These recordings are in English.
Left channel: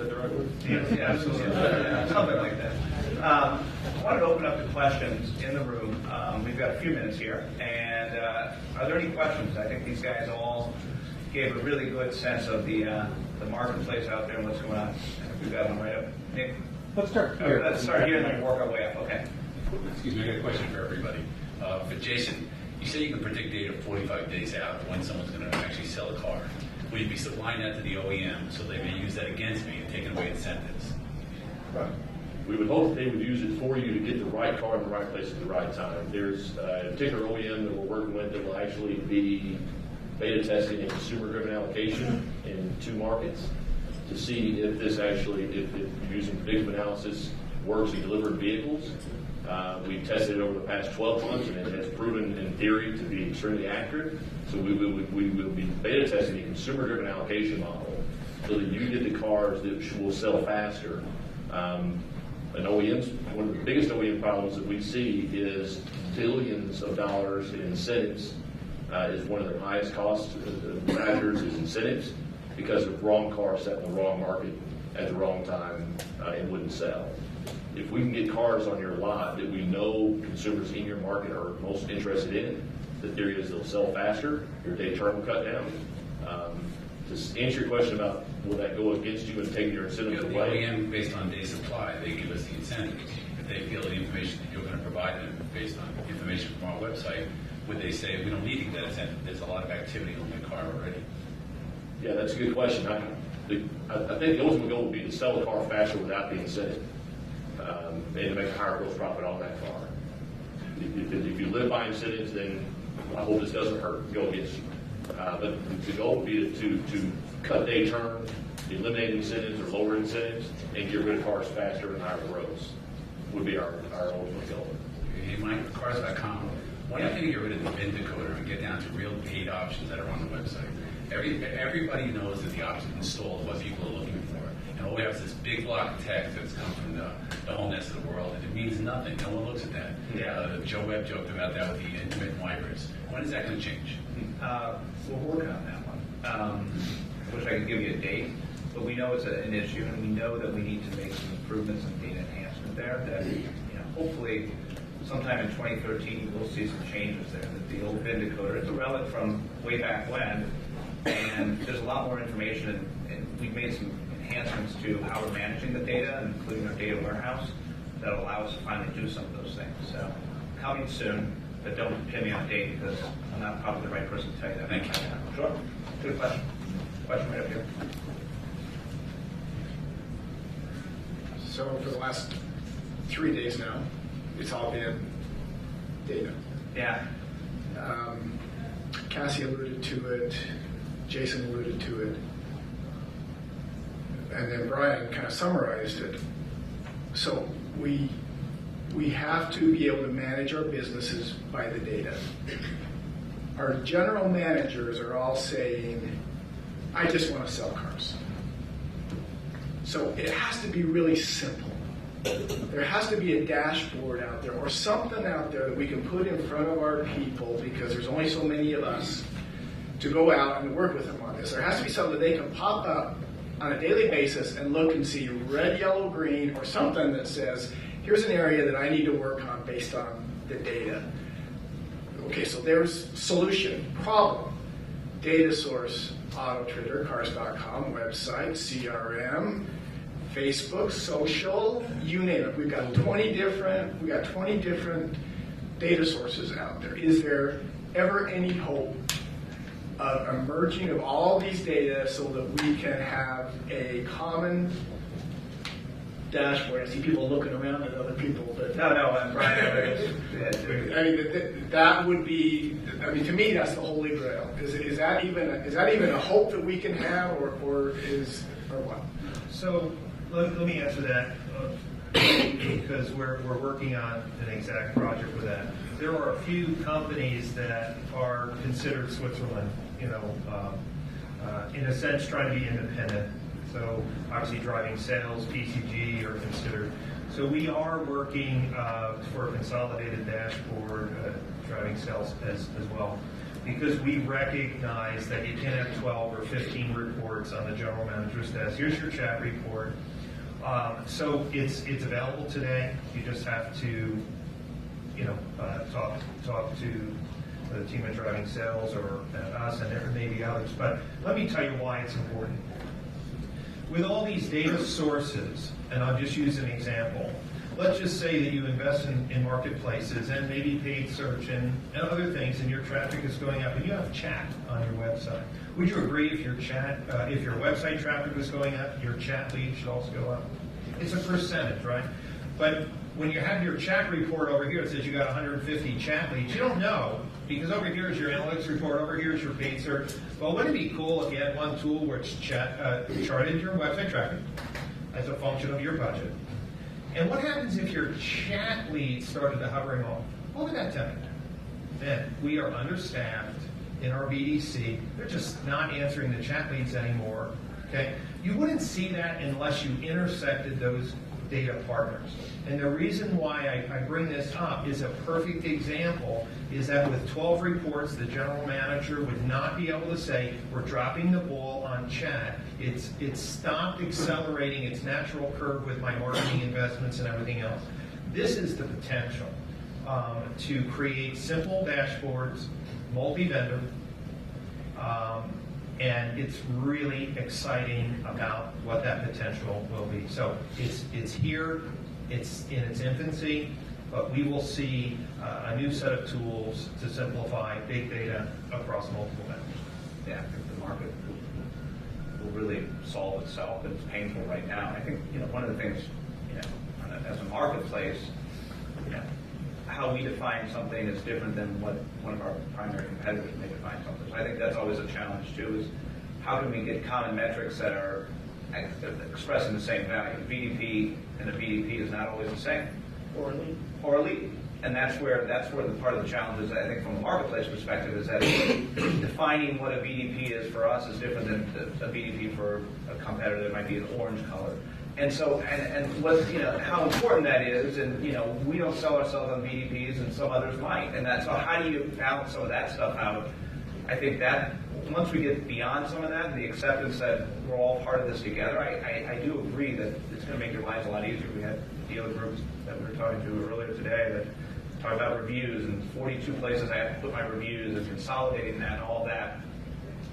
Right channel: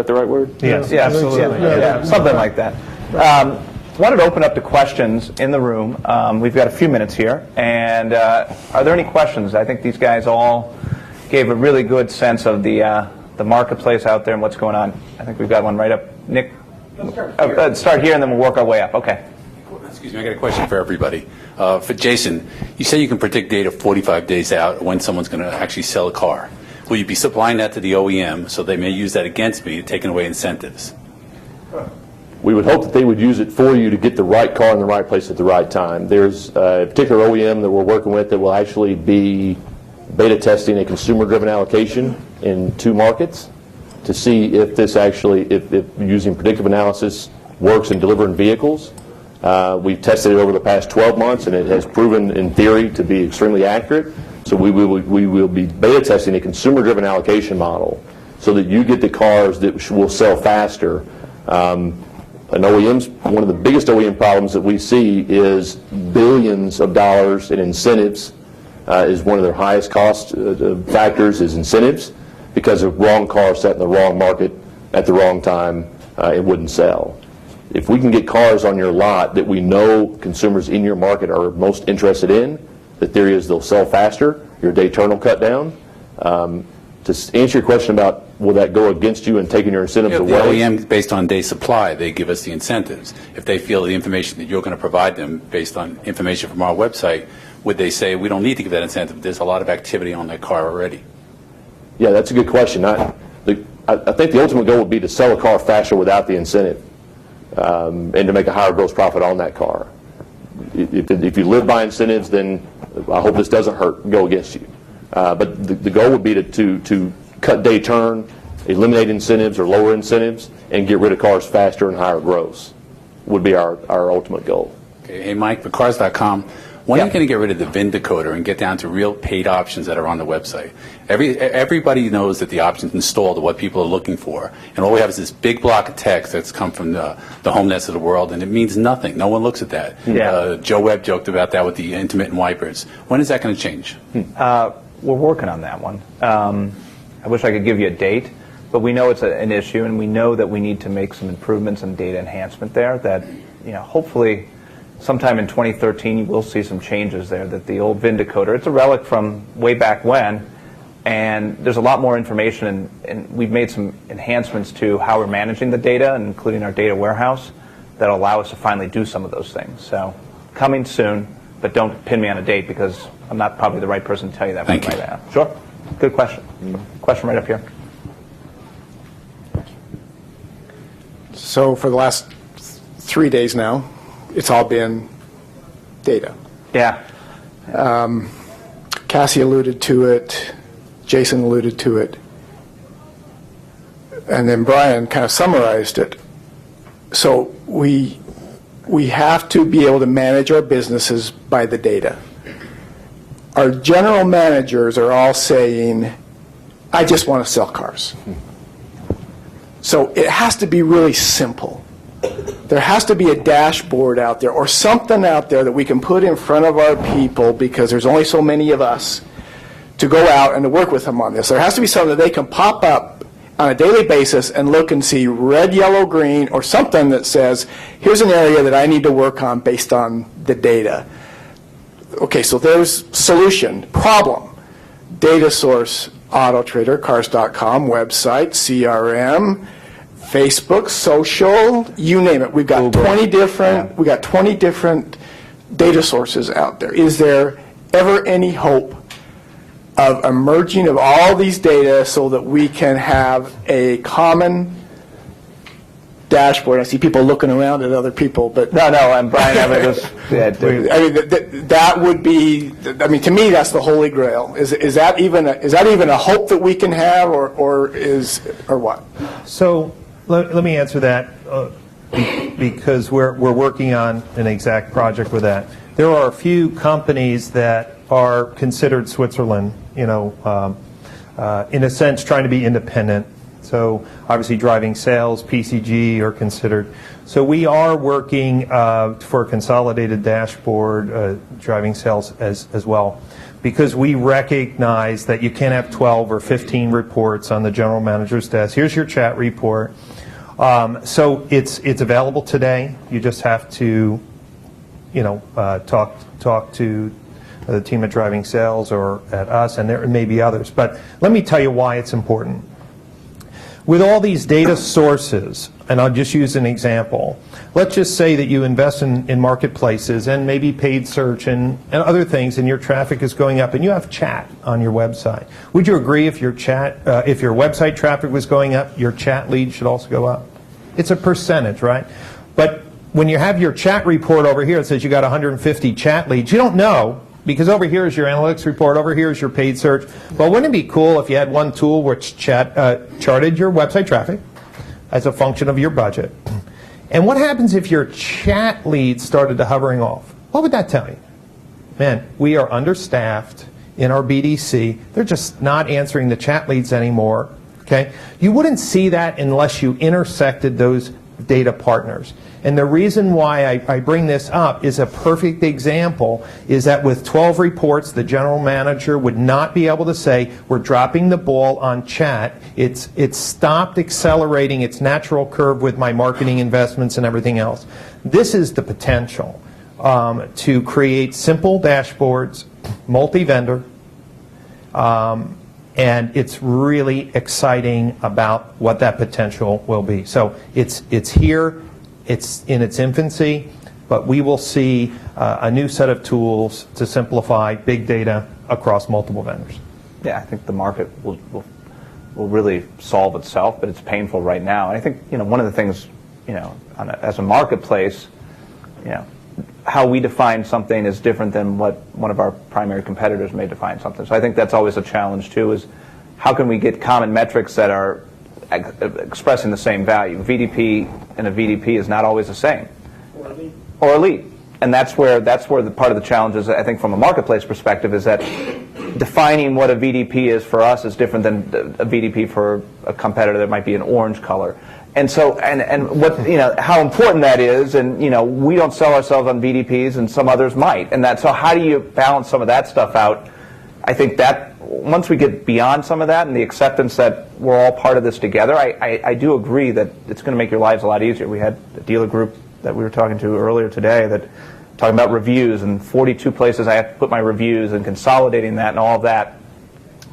that the right word? Yes. Yeah, absolutely. Yeah, something like that. Wanted to open up to questions in the room. We've got a few minutes here, and are there any questions? I think these guys all gave a really good sense of the marketplace out there and what's going on. I think we've got one right up. Nick? Start here, and then we'll work our way up. Okay. Excuse me, I got a question for everybody. For Jason, you say you can predict data 45 days out when someone's going to actually sell a car. Will you be supplying that to the OEM so they may use that against me, taking away incentives? We would hope that they would use it for you to get the right car in the right place at the right time. There's a particular OEM that we're working with that will actually be beta testing a consumer-driven allocation in 2 markets to see if this actually, if using predictive analysis works in delivering vehicles. We've tested it over the past 12 months, and it has proven in theory to be extremely accurate. So we will be beta testing a consumer-driven allocation model so that you get the cars that will sell faster. One of the biggest OEM problems that we see is billions of dollars in incentives. Is one of their highest cost factors is incentives, because of wrong car set in the wrong market at the wrong time, it wouldn't sell. If we can get cars on your lot that we know consumers in your market are most interested in, the theory is they'll sell faster, your day turn will cut down. To answer your question about will that go against you and taking your incentives away? The OEM, based on day supply, they give us the incentives. If they feel the information that you're going to provide them based on information from our website, would they say, we don't need to give that incentive, there's a lot of activity on that car already? Yeah, that's a good question. I think the ultimate goal would be to sell a car faster without the incentive, and to make a higher gross profit on that car. If you live by incentives, then I hope this doesn't go against you. But the goal would be to cut day turn, eliminate incentives or lower incentives, and get rid of cars faster and higher gross would be our ultimate goal. Okay. Hey, Mike, for Cars.com, when are you going to get rid of the VIN decoder and get down to real paid options that are on the website? Everybody knows that the options installed are what people are looking for, and all we have is this big block of text that's come from the HomeNets of the world, and it means nothing. No one looks at that. Yeah. Joe Webb joked about that with the intermittent wipers. When is that going to change? We're working on that one. I wish I could give you a date, but we know it's an issue, and we know that we need to make some improvements in data enhancement there that, hopefully sometime in 2013 you will see some changes there, that the old VIN decoder, it's a relic from way back when, and there's a lot more information, and we've made some enhancements to how we're managing the data, including our data warehouse, that allow us to finally do some of those things. So coming soon, but don't pin me on a date because I'm not probably the right person to tell you that right now. Sure. Good question. Question right up here. So for the last 3 days now, it's all been data. Yeah. Cassie alluded to it. Jason alluded to it. And then Brian kind of summarized it. So we have to be able to manage our businesses by the data. Our general managers are all saying, I just want to sell cars. So it has to be really simple. There has to be a dashboard out there or something out there that we can put in front of our people, because there's only so many of us, to go out and to work with them on this. There has to be something that they can pop up on a daily basis and look and see red, yellow, green, or something that says, here's an area that I need to work on based on the data. Okay, so there's solution, problem, data source, Auto Trader, Cars.com, website, CRM, Facebook, social, you name it. We've got 20 different data sources out there. Is there ever any hope of emerging of all these data so that we can have a common dashboard? I see people looking around at other people, but No, and Brian, that would be. I mean, to me, that's the holy grail. Is that even a hope that we can have, or what? So let me answer that because we're working on an exact project with that. There are a few companies that are considered Switzerland, in a sense, trying to be independent. So obviously DrivingSales, PCG are considered. So we are working for a consolidated dashboard, driving sales as well, because we recognize that you can't have 12 or 15 reports on the general manager's desk. Here's your chat report. So it's available today. You just have to, talk to the team at Driving Sales or at us, and there may be others. But let me tell you why it's important. With all these data sources, and I'll just use an example, let's just say that you invest in marketplaces and maybe paid search and other things, and your traffic is going up, and you have chat on your website. Would you agree if your website traffic was going up, your chat lead should also go up? It's a percentage, right? But when you have your chat report over here, it says you got 150 chat leads. You don't know, because over here is your analytics report, over here is your paid search. Well, wouldn't it be cool if you had one tool which charted your website traffic as a function of your budget? And what happens if your chat leads started to hovering off? What would that tell you? Man, we are understaffed in our BDC. They're just not answering the chat leads anymore. Okay? You wouldn't see that unless you intersected those data partners. And the reason why I bring this up is a perfect example is that with 12 reports, the general manager would not be able to say, we're dropping the ball on chat. It's stopped accelerating its natural curve with my marketing investments and everything else. This is the potential to create simple dashboards, multi-vendor, and it's really exciting about what that potential will be. So it's here. It's in its infancy, but we will see a new set of tools to simplify big data across multiple vendors. Yeah, I think the market will really solve itself, but it's painful right now. And I think one of the things, as a marketplace, how we define something is different than what one of our primary competitors may define something. So I think that's always a challenge too. Is how can we get common metrics that are expressing the same value? VDP and a VDP is not always the same, or elite, and that's where the part of the challenge is. I think from a marketplace perspective is that defining what a VDP is for us is different than a VDP for a competitor that might be an orange color. And so, and what how important that is, and we don't sell ourselves on VDPs, and some others might, and so how do you balance some of that stuff out? I think that once we get beyond some of that and the acceptance that we're all part of this together, I do agree that it's going to make your lives a lot easier. We had a dealer group that we were talking to earlier today that talking about reviews, and 42 places I have to put my reviews, and consolidating that and all of that.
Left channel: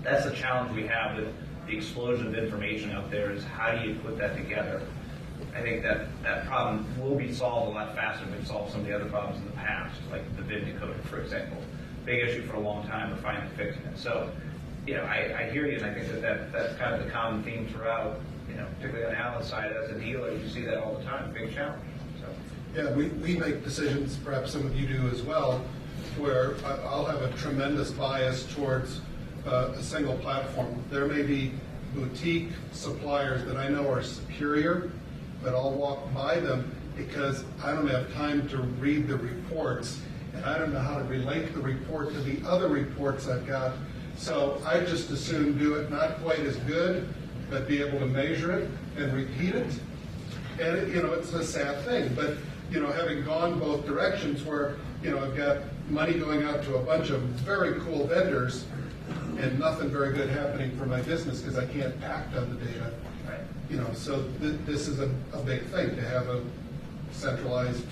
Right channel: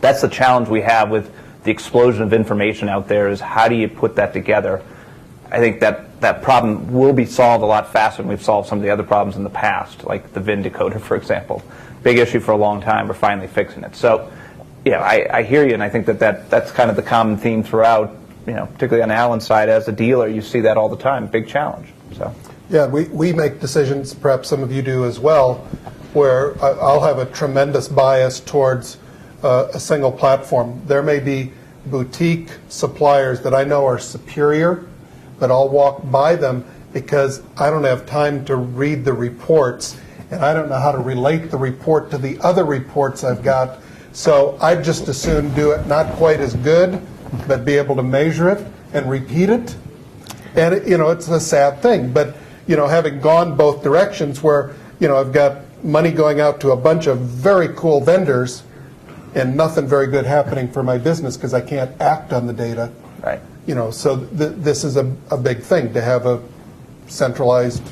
That's the challenge we have with the explosion of information out there, is how do you put that together? I think that problem will be solved a lot faster than we've solved some of the other problems in the past, like the VIN decoder, for example. Big issue for a long time. We're finally fixing it. So, I hear you, and I think that's kind of the common theme throughout, particularly on Alan's side. As a dealer, you see that all the time. Big challenge. So. Yeah, we make decisions, perhaps some of you do as well, where I'll have a tremendous bias towards a single platform. There may be boutique suppliers that I know are superior, but I'll walk by them because I don't have time to read the reports, and I don't know how to relate the report to the other reports I've got. So I'd just as soon do it not quite as good, but be able to measure it and repeat it. And it's a sad thing, but having gone both directions, where I've got money going out to a bunch of very cool vendors and nothing very good happening for my business because I can't act on the data. Right. So this is a big thing to have a centralized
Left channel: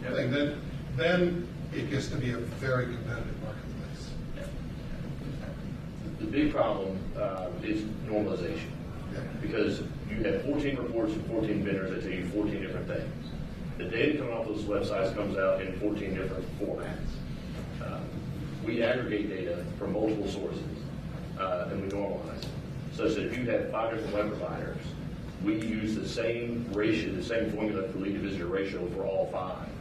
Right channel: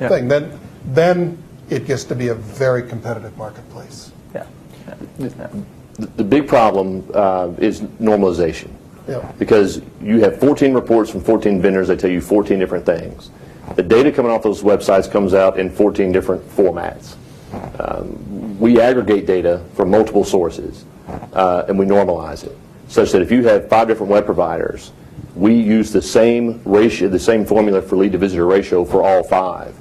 thing. Then it gets to be a very competitive marketplace. Yeah. The big problem is normalization. Yeah. Because you have 14 reports from 14 vendors that tell you 14 different things. The data coming off those websites comes out in 14 different formats. We aggregate data from multiple sources, and we normalize it, such that if you have 5 different web providers, we use the same ratio, the same formula for lead to visitor ratio for all 5.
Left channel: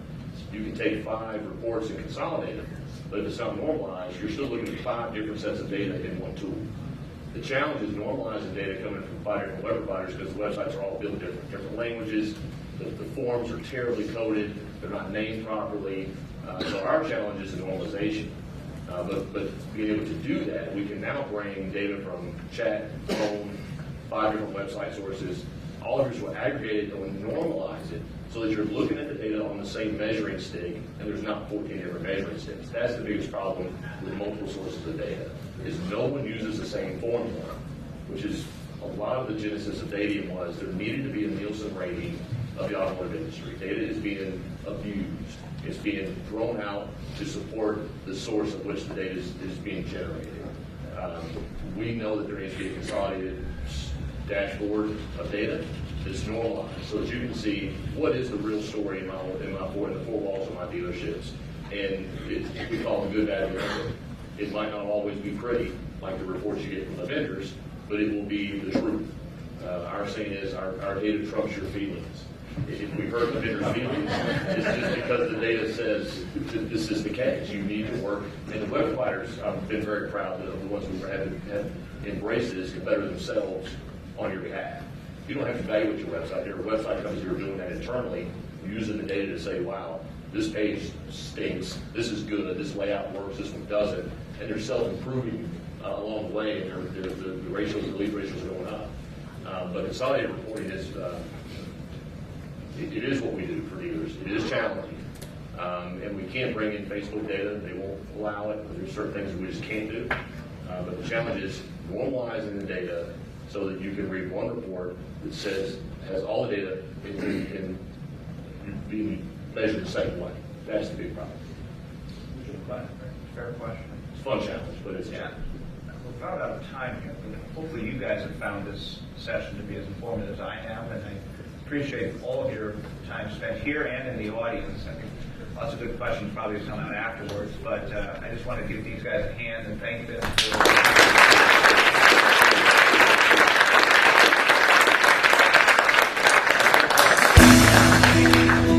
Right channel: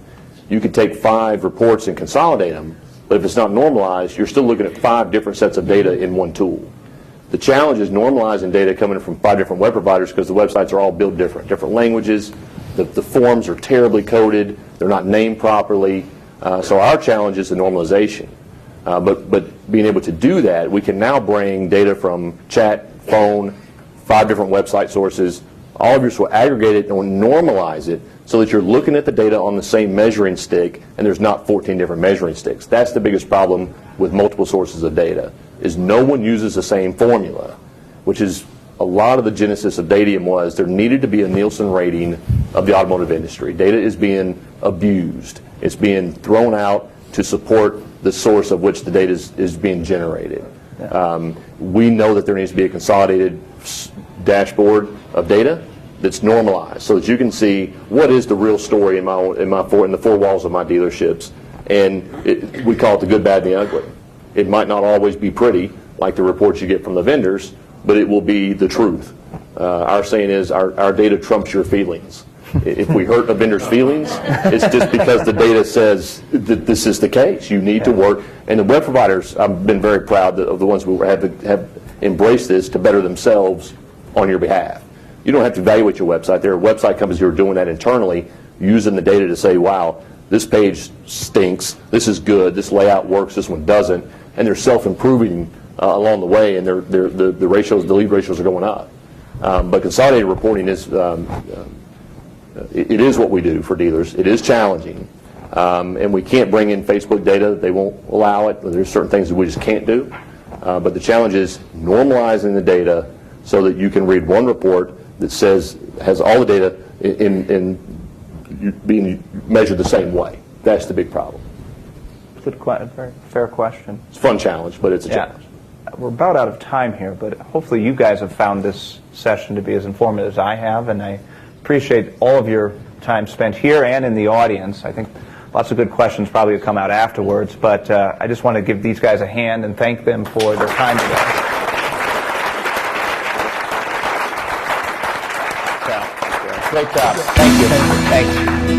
You could take 5 reports and consolidate them, but if it's not normalized, you're still looking at 5 different sets of data in one tool. The challenge is normalizing data coming from 5 different web providers, because the websites are all built different languages. The forms are terribly coded. They're not named properly. So our challenge is the normalization. But being able to do that, we can now bring data from chat, phone, 5 different website sources. All of yours will aggregate it and will normalize it so that you're looking at the data on the same measuring stick and there's not 14 different measuring sticks. That's the biggest problem with multiple sources of data, is no one uses the same formula, which is a lot of the genesis of Datium was there needed to be a Nielsen rating of the automotive industry. Data is being abused. It's being thrown out to support the source of which the data is being generated. We know that there needs to be a consolidated dashboard of data that's normalized so that you can see what is the real story in the four walls of my dealerships. And we call it the good, bad, and the ugly. It might not always be pretty, like the reports you get from the vendors, but it will be the truth. Our saying is our data trumps your feelings. If we hurt a vendor's feelings, it's just because the data says that this is the case. You need to work. And the web providers, I've been very proud of the ones who have embraced this to better themselves on your behalf. You don't have to evaluate your website. There are website companies who are doing that internally, using the data to say, wow, this page stinks, this is good, this layout works, this one doesn't, and they're self-improving along the way, and the lead ratios are going up. But consolidated reporting is, it is what we do for dealers. It is challenging, and we can't bring in Facebook data. They won't allow it. There's certain things that we just can't do. But the challenge is normalizing the data so that you can read one report that has all the data in being measured the same way. That's the big problem. Good, very fair question. It's a fun challenge, but it's a challenge. We're about out of time here, but hopefully you guys have found this session to be as informative as I have, and I appreciate all of your time spent here and in the audience. I think lots of good questions probably have come out afterwards, but I just want to give these guys a hand and thank them for their time today. Great job. Thank you. Thank you.